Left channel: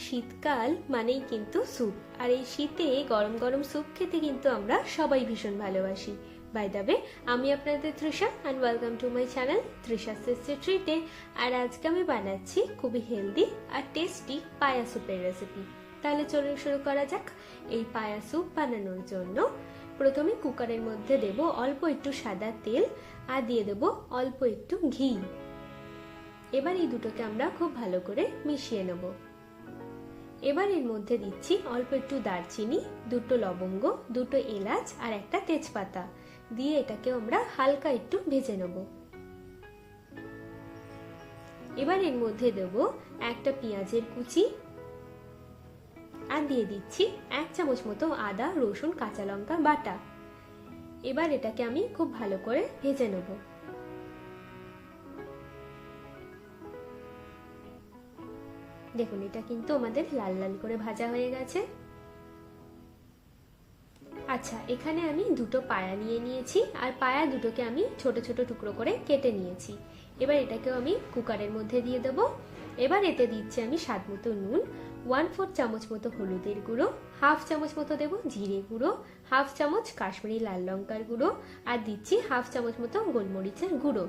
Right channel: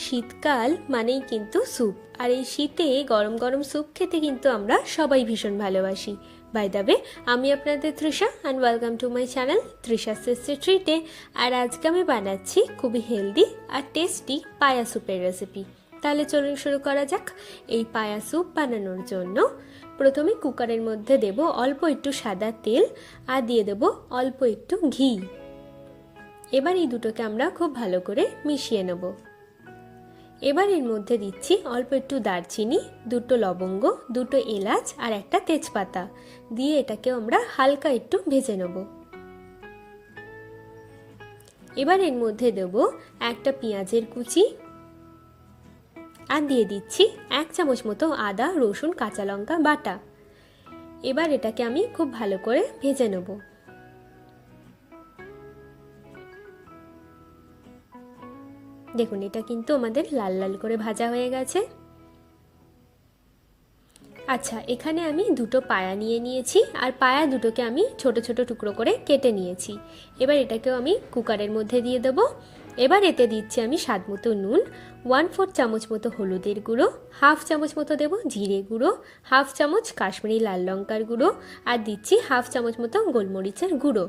শীতকাল মানেই কিন্তু স্যুপ, আর এই শীতে গরম গরম স্যুপ খেতে কিন্তু আমরা সবাই ভীষণ ভালোবাসি। বাই দ্য ওয়ে, আমি আপনাদের Trisha and welcome to my channel Trisha tasty ট্রিটে। আর আজকে আমি বানাচ্ছি খুবই হেলদি আর টেস্টি পায়া স্যুপের রেসিপি। তাহলে চলুন শুরু করা যাক। এই পায়া স্যুপ বানানোর জন্য প্রথমে কুকারের মধ্যে দেব অল্প একটু সাদা তেল আর দিয়ে দেব অল্প একটু ঘি। এবার এই দুটোকে আমরা খুব ভালো করে মিশিয়ে নেব। এবার এর মধ্যে দিচ্ছি অল্প একটু দারচিনি, দুটো লবঙ্গ, দুটো এলাচ আর একটা তেজপাতা দিয়ে এটাকে আমরা হালকা একটু ভেজে নেব। এবার এর মধ্যে দেব একটা পেঁয়াজের কুচি আর দিয়ে দিচ্ছি 1 চামচ মতো আদা রসুন কাঁচা লঙ্কা বাটা। এবার এটাকে আমি খুব ভালো করে ভেজে নেব। দেখুন, এটা কিন্তু আমাদের লাল লাল করে ভাজা হয়ে গেছে। আচ্ছা, এখানে আমি দুটো পায়া নিয়ে নিয়েছি আর পায়া দুটোকে আমি ছোট ছোট টুকরো করে কেটে নিয়েছি। এবার এটাকেও আমি কুকারের মধ্যে দিয়ে দেব। এবার এতে দিচ্ছি আমি স্বাদ মতো নুন, 1/4 চামচ মতো হলুদের গুঁড়ো, 1/2 চামচ মতো দেব জিরে গুঁড়ো, 1/2 চামচ কাশ্মীরি লাল লঙ্কার গুঁড়ো আর দিচ্ছি 1/2 চামচ মতো গোলমরিচের গুঁড়ো।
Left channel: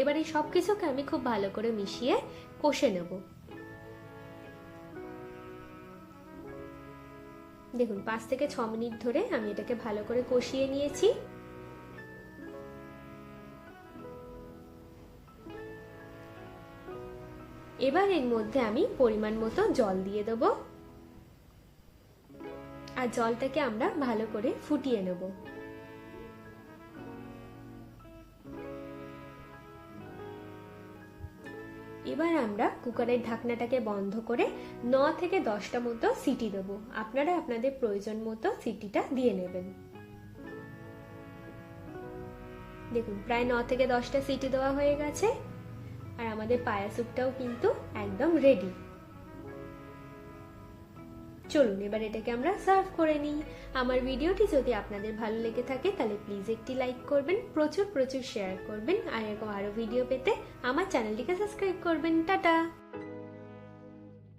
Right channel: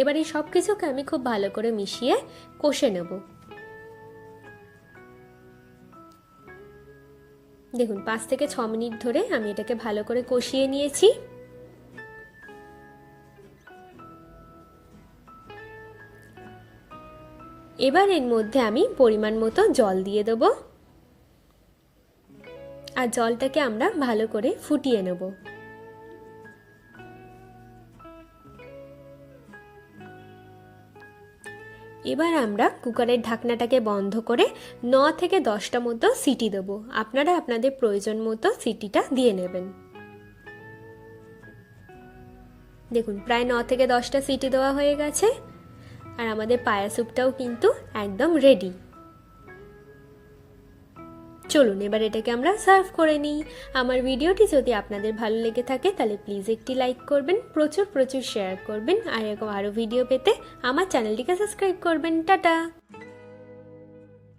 এবার এই সব কিছুকে আমি খুব ভালো করে মিশিয়ে কষে নেব। দেখুন, 5 থেকে 6 মিনিট ধরে আমি এটাকে ভালো করে কষিয়ে নিয়েছি। এবার এর মধ্যে আমি পরিমাণ মতো জল দিয়ে দেব আর জলটাকে আমরা ভালো করে ফুটিয়ে নেব। এবার আমরা কুকারের ঢাকনাটাকে বন্ধ করে 9 থেকে 10টা মতো সিটি দেব। আপনারা আপনাদের প্রয়োজন মতো সিটিটা দিয়ে নেবেন। দেখুন, প্রায় 9 থেকে 10টা সিটি দেওয়া হয়ে গেছে আর আমাদের পায়া স্যুপটাও কিন্তু একদম রেডি। চলুন এবার এটাকে আমরা সার্ভ করে নিই। আমার ভিডিওটি যদি আপনাদের ভালো লেগে থাকে তাহলে প্লিজ একটি লাইক করবেন, প্রচুর শেয়ার করবেন আর এরকম আরও ভিডিও পেতে আমার চ্যানেলটিকে সাবস্ক্রাইব করবেন। টাটা।